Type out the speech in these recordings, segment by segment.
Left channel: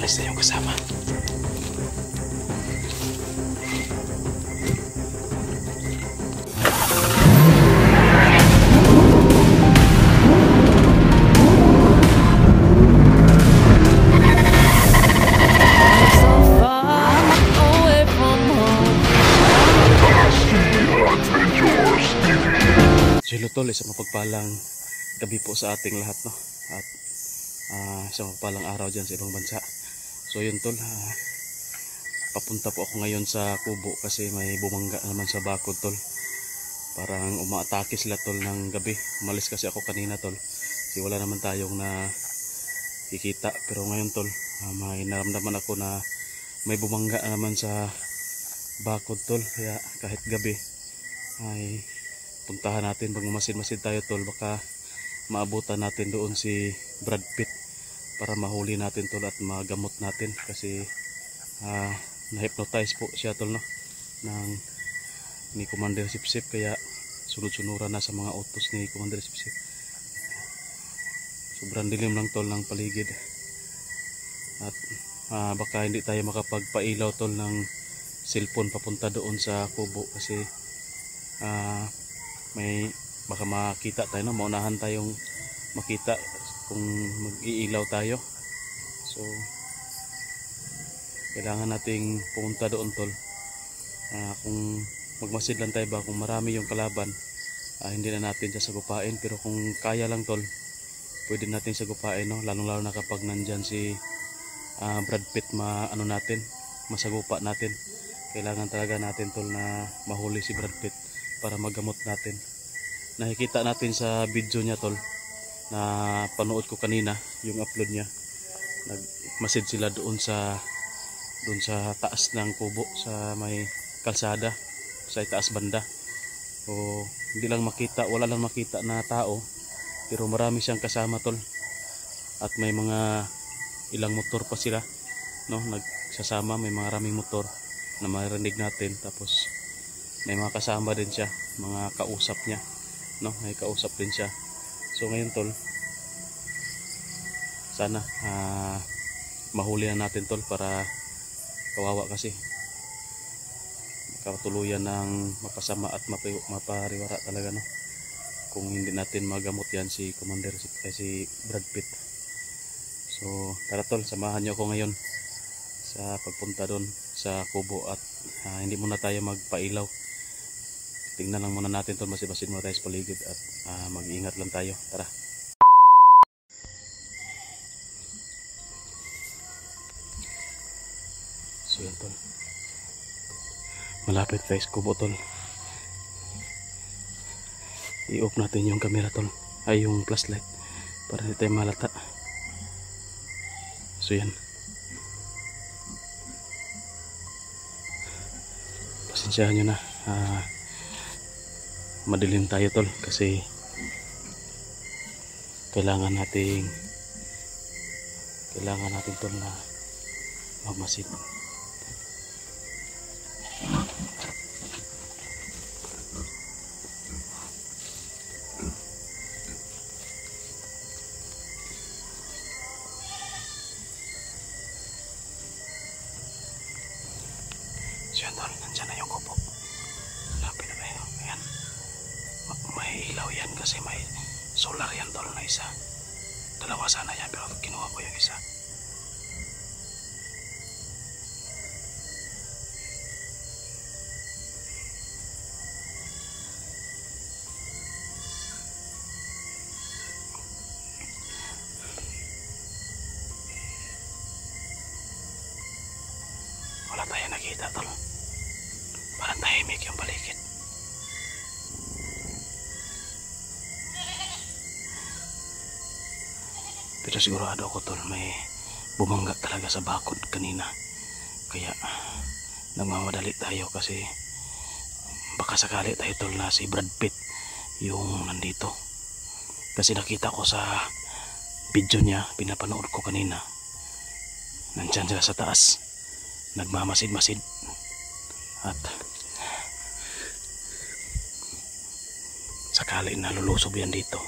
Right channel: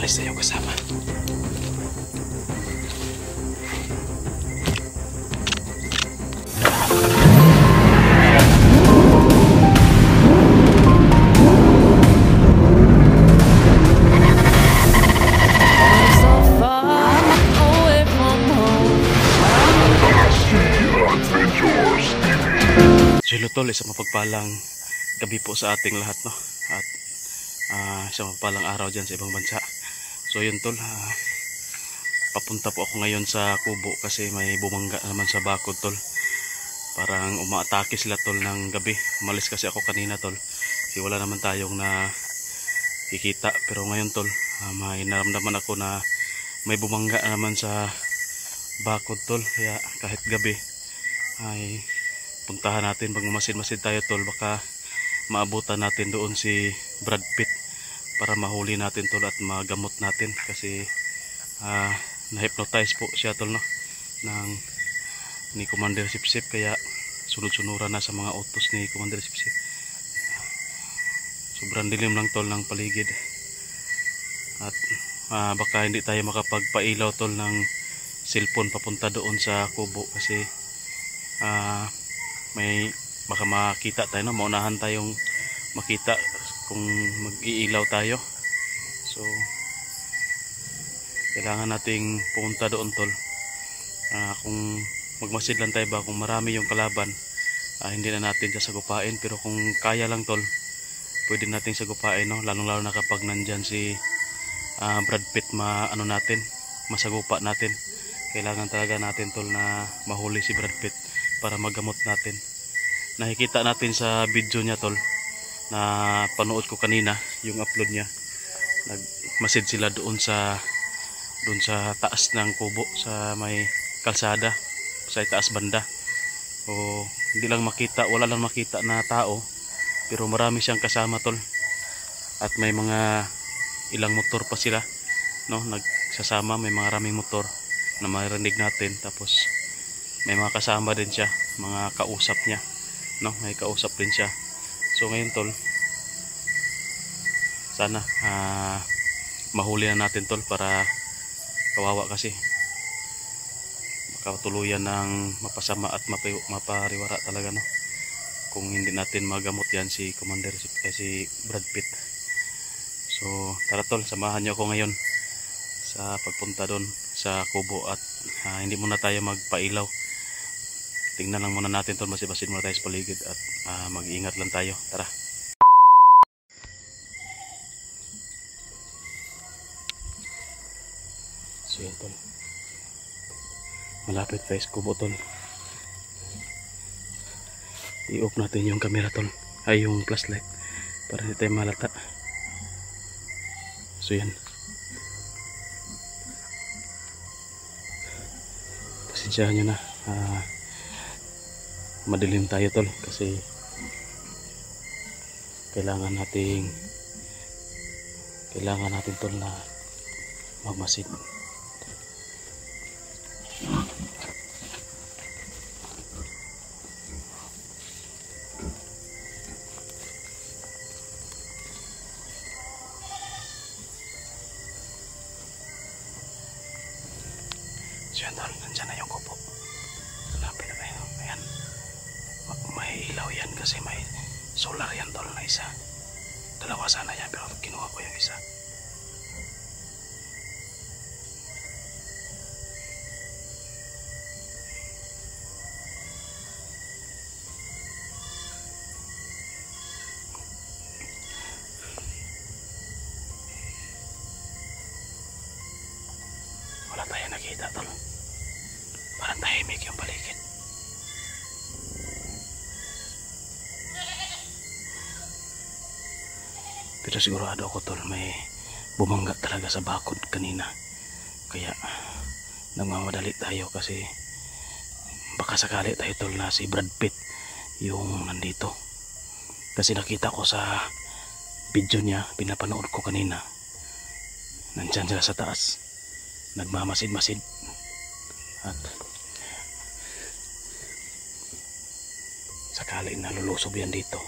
umalis na yung kasama. So tol, isang mapagpalang gabi po sa ating lahat, no? At isang mapagpalang araw dyan sa ibang bansa. So yun tol, papunta po ako ngayon sa kubo kasi may bumangga naman sa bakod tol. Parang umaatake sila tol ng gabi. Umalis kasi ako kanina tol kasi wala naman tayong nakikita. Pero ngayon tol, may naramdaman ako na may bumangga naman sa bakod tol. Kaya kahit gabi ay puntahan natin, pag masid-masid tayo tol, baka maabutan natin doon si Brad Pitt para mahuli natin tol at magamot natin kasi na-hypnotize po siya tol, no, ni Commander Sipsip, kaya sunod-sunuran na sa mga utos ni Commander Sipsip. Sobrang dilim lang tol ng paligid at baka hindi tayo makapagpailaw tol ng cellphone papunta doon sa kubo kasi may baka makita tayo, no? Maunahan tayong makita kung mag-iilaw tayo. So kailangan nating pumunta doon tol. Kung magmasid lang tayo ba, kung marami yung kalaban, hindi na natin sasagupain, pero kung kaya lang tol, pwede nating sagupain, no? Lalong lalo na kapag nandyan si Brad Pitt, masagupa natin. Kailangan talaga natin tol na mahuli si Brad Pitt para magamot natin. Nakikita natin sa video niya tol, na panood ko kanina yung upload niya, nagmasid sila doon sa taas ng kubo sa may kalsada sa taas banda. O hindi lang makita, wala lang makita na tao, pero marami siyang kasama tol, at may mga ilang motor pa sila, no, nagsasama, may mga raming motor na marinig natin. Tapos may mga kasama din siya, mga kausap niya, no, may kausap din siya. So ngayon tol, sana mahuli na natin tol, para kawawa kasi makatuluyan ng mapasama at mapariwara talaga, no, kung hindi natin magamot yan si Commander si Brad Pitt. So tara tol, samahan niyo ako ngayon sa pagpunta doon sa kubo at hindi muna tayo magpailaw. Tingnan lang muna natin tol, basi-basin muna tayo sa paligid at mag-iingat lang tayo. Tara. So yan tol, malapit tayo sa kubo tol. I-off natin yung camera tol, ay yung flashlight, para hindi tayo malata. So yan, pasensyahan nyo na, madilim tayo tol kasi kailangan natin tol na magmasid. So yan tol, nandyan na yung kubo, malapit na tayo. Ayan, may ilaw yan kasi may solar yan tol na isa. Dalawa sana yan pero kinuha ko yung isa. Wala tayo nakita tol, parang tahimik yung paligid. Pero sigurado ako tol, may bumangga talaga sa bakod kanina. Kaya nagmamadali tayo kasi baka sakali tayo tol na si Brad Pitt yung nandito. Kasi nakita ko sa video niya, pinapanood ko kanina, nandyan sila sa taas, nagmamasid-masid. At sakali na lulusob yan dito,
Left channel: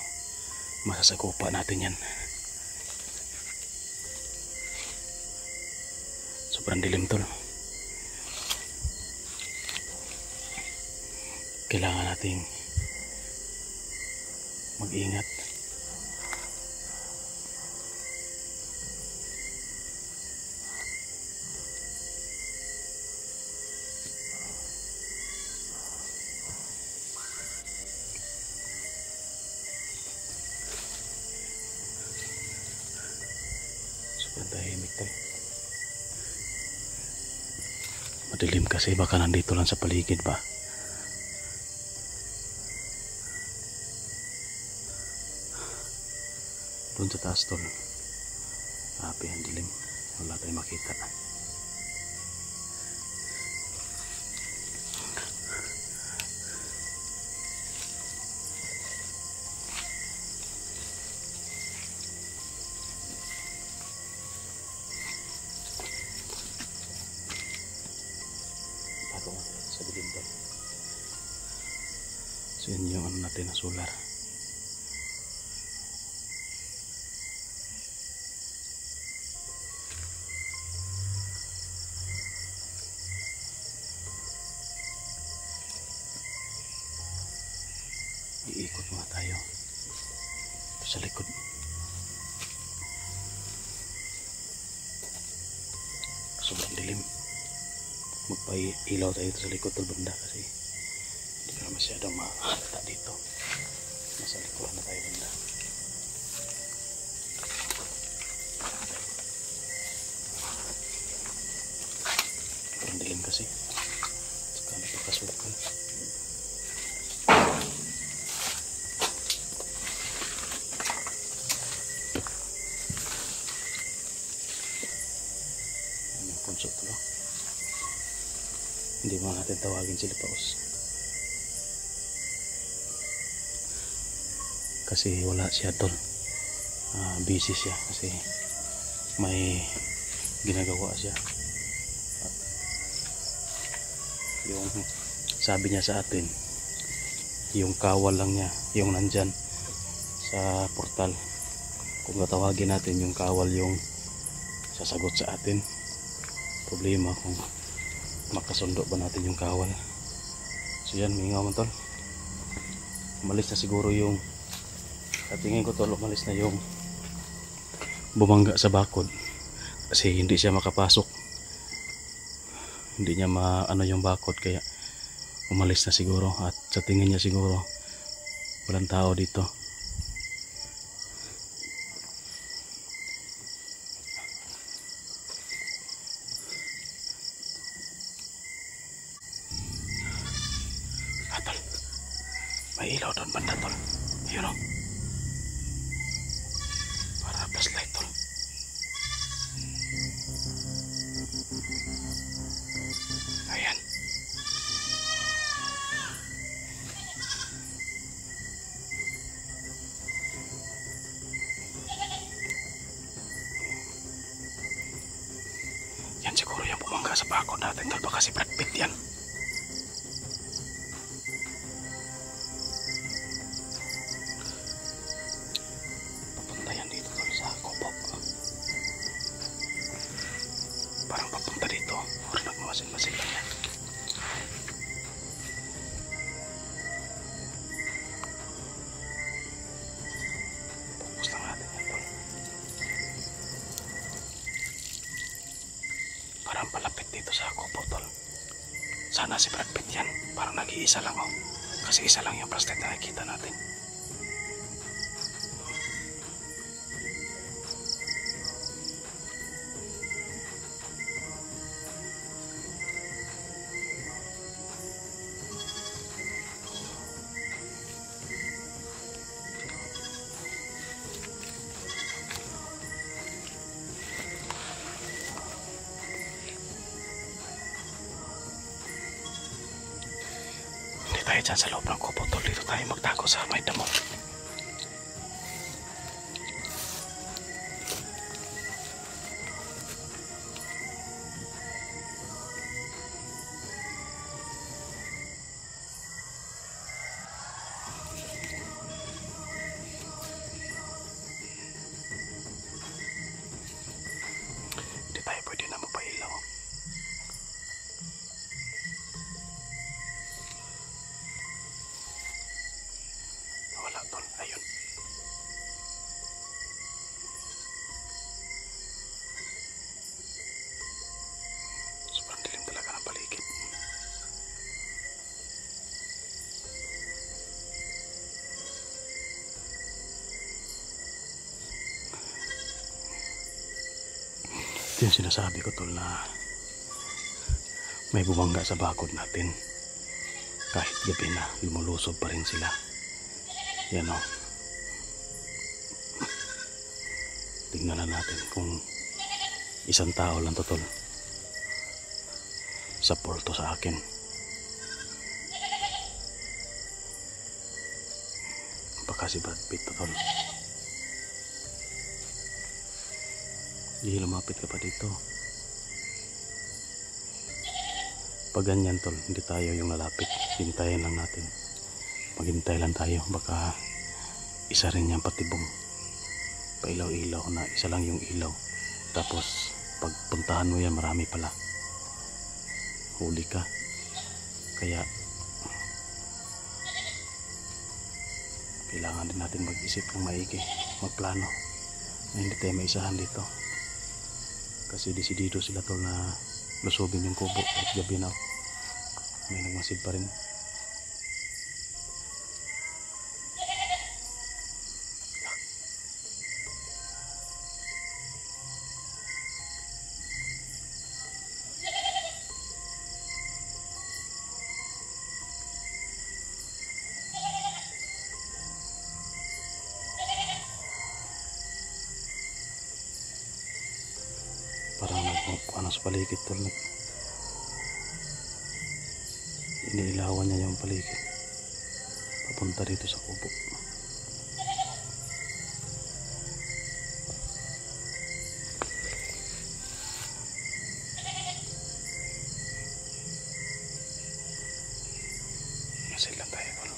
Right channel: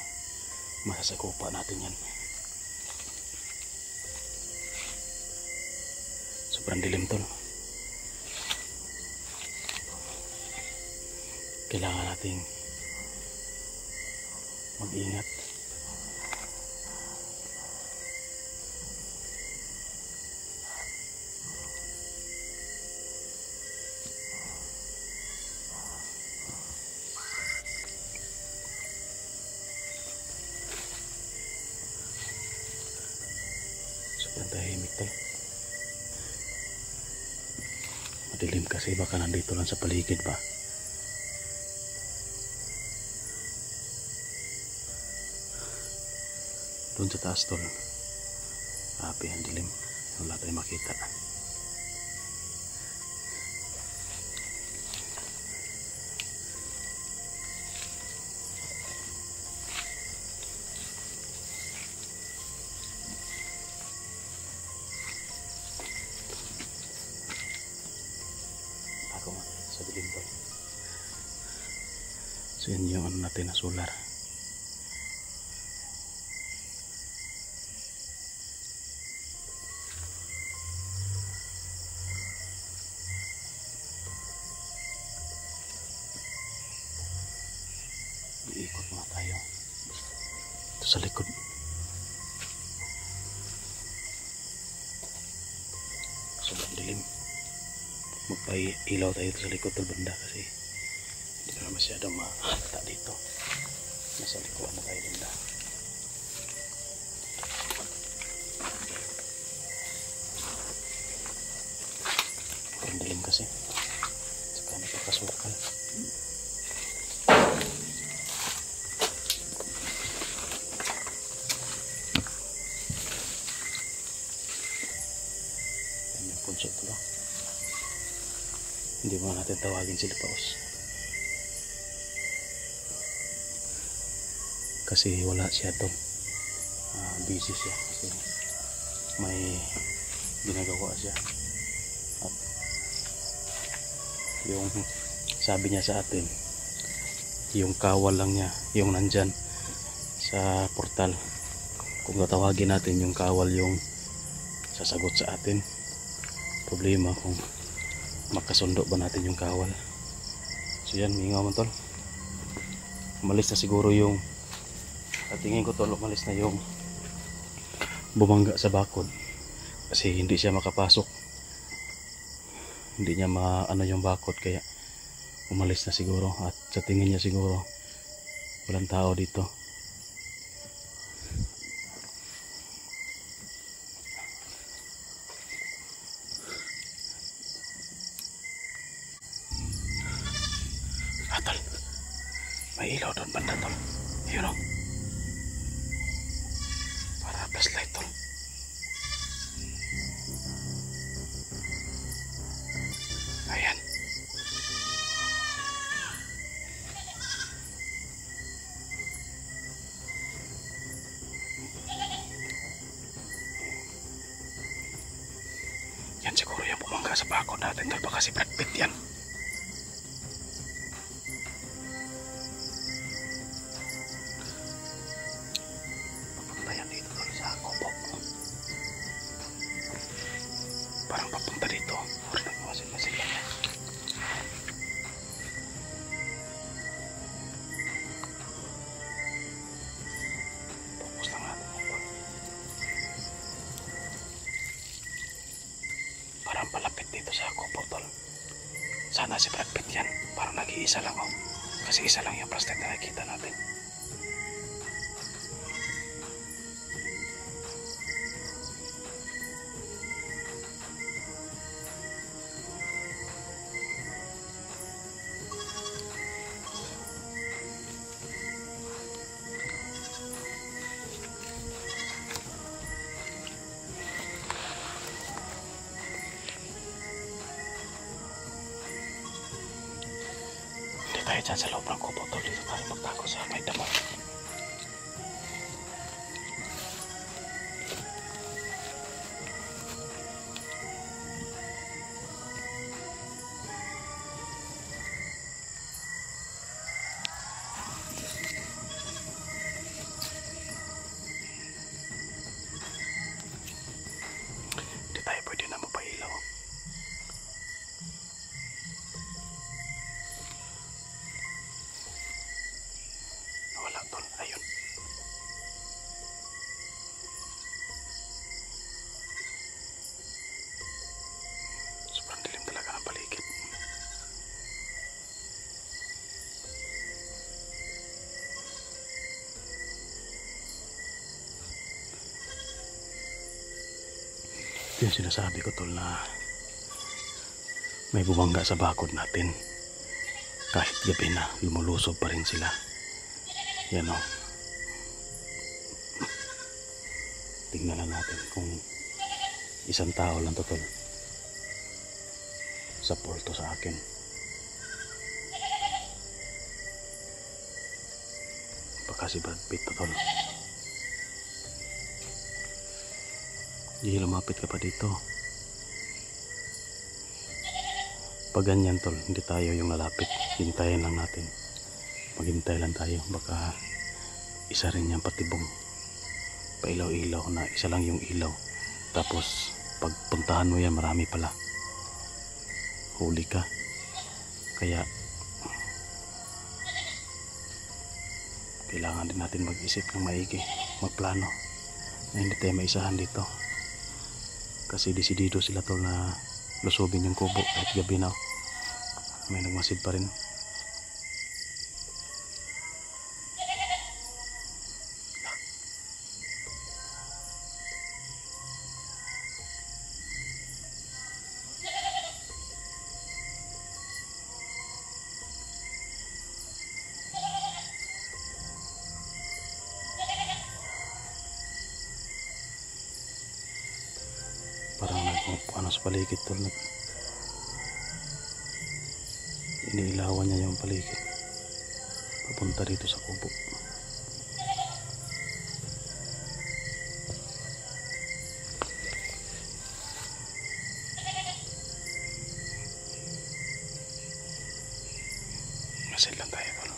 masasakupa natin yan. Sobrang dilim tol. Kailangan nating mag-ingat. Sobrang tahimik tol. Madilim kasi, baka nandito lang sa paligid ba. Doon sa taas tol, grabe ang dilim, wala tayong makita. Bago nga tayo sa dilim tol. So yun yung ano natin na solar. Iikot muna tayo ito sa likod. Sobrang dilim. Magpailaw tayo sa likod ng banda kasi hindi na masyadong makakita dito. Nasa likuran na tayo banda. Sobrang dilim kasi, saka napakasukal. Punso ito lang. Hindi mo natin tawagin sila paus kasi wala siya tol. Busy siya kasi may ginagawa siya. At yung sabi niya sa atin, yung kawal lang niya yung nandyan sa portal. Kung tatawagin natin yung kawal yung sasagot sa atin, problema kung makasundo ba natin yung kawal. So yan, mingaw man tol. Umalis na siguro yung, sa tingin ko tol, umalis na yung bumangga sa bakod kasi hindi siya makapasok, hindi niya maano yung bakod, kaya umalis na siguro. At sa tingin niya siguro walang tao dito. Tol, may ilaw doon banda tol. Ayun o, para flashlight tol. Ayan. Yan siguro yung bumangga sa bakod natin tol, baka si Brad Pitt yan. Parang papunta dito, or nagmasin-masin lang yan. Focus lang natin ito. Parang palapit dito sa kubo tol. Sana si Brad Pitt yan, parang nag-iisa lang oh. Kasi isa lang yung flashlight na nakikita natin. Tayo dyan sa loob ng kubo tol, dito tayo magtago sa may damo. Hindi tayo pwede na mapailaw. tol. Ayun. Sobrang dilim talaga ng paligid. Ito yung sinasabi ko tol, na may bumangga sa bakod natin. Kahit gabi na, lumulusog pa rin sila. Yan o. Tingnan na natin kung isang tao lang to tol. Support to sa akin. Baka si Brad Pitt to tol. Hindi, lumapit ka pa dito. Pag ganyan tol, hindi tayo yung lalapit. Hintayin lang natin. Maghintay lang tayo. Baka isa rin yan patibong. Pailaw-ilaw na isa lang yung ilaw. Tapos pagpuntahan mo yan, marami pala. Huli ka. Kaya kailangan din natin mag-isip ng maigi, magplano na hindi tayo maisahan dito. Kasi desidido sila tol na lusubin yung kubo at gabi na may nagmasid pa rin. Parang ano sa paligid tol, iniilawan niya yung paligid papunta dito sa kubo. Masid lang tayo tol.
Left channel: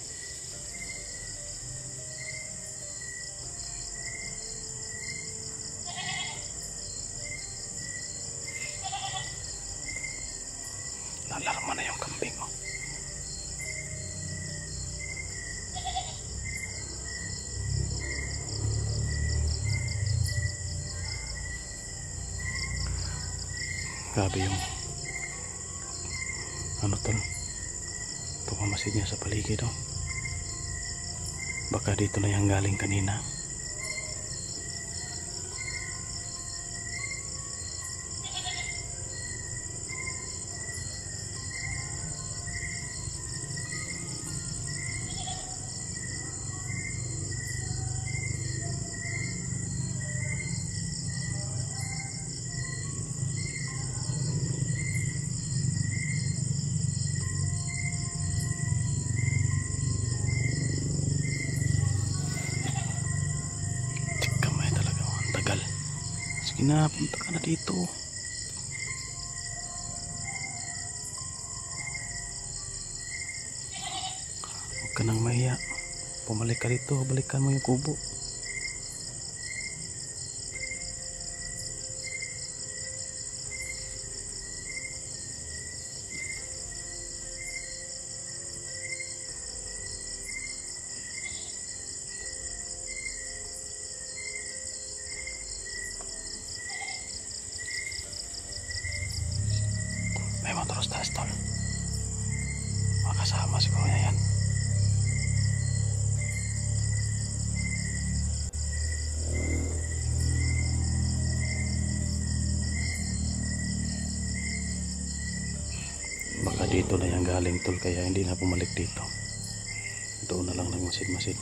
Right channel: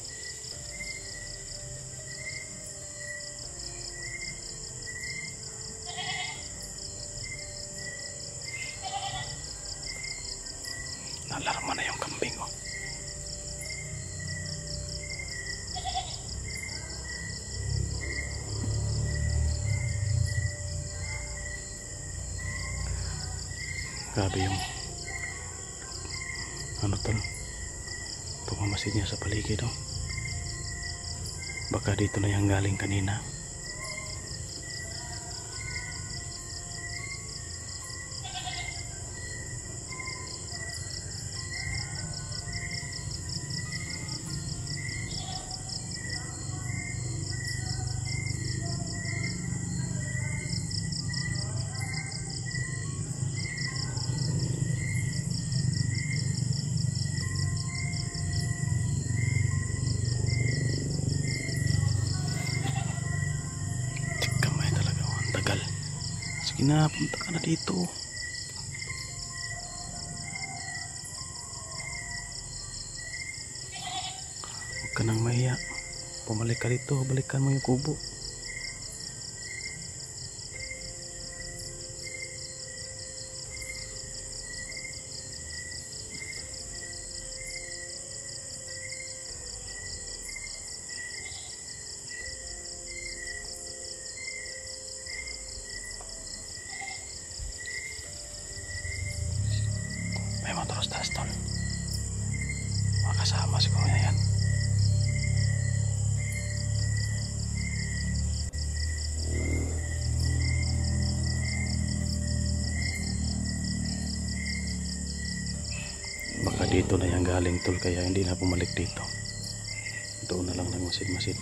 Nalarma na yung kambing oh. Grabe yung ano tol, pagmamasid niya sa paligid oh. Baka dito na yung galing kanina. Sige na, punta ka na dito. Huwag ka nang mahiya. Pumalik ka dito, balikan mo yung kubo. May motoros taas tol. Makasama siguro niya yan. Baka dito na yung galing tol, kaya hindi na bumalik dito. Doon na lang nagmasid-masid.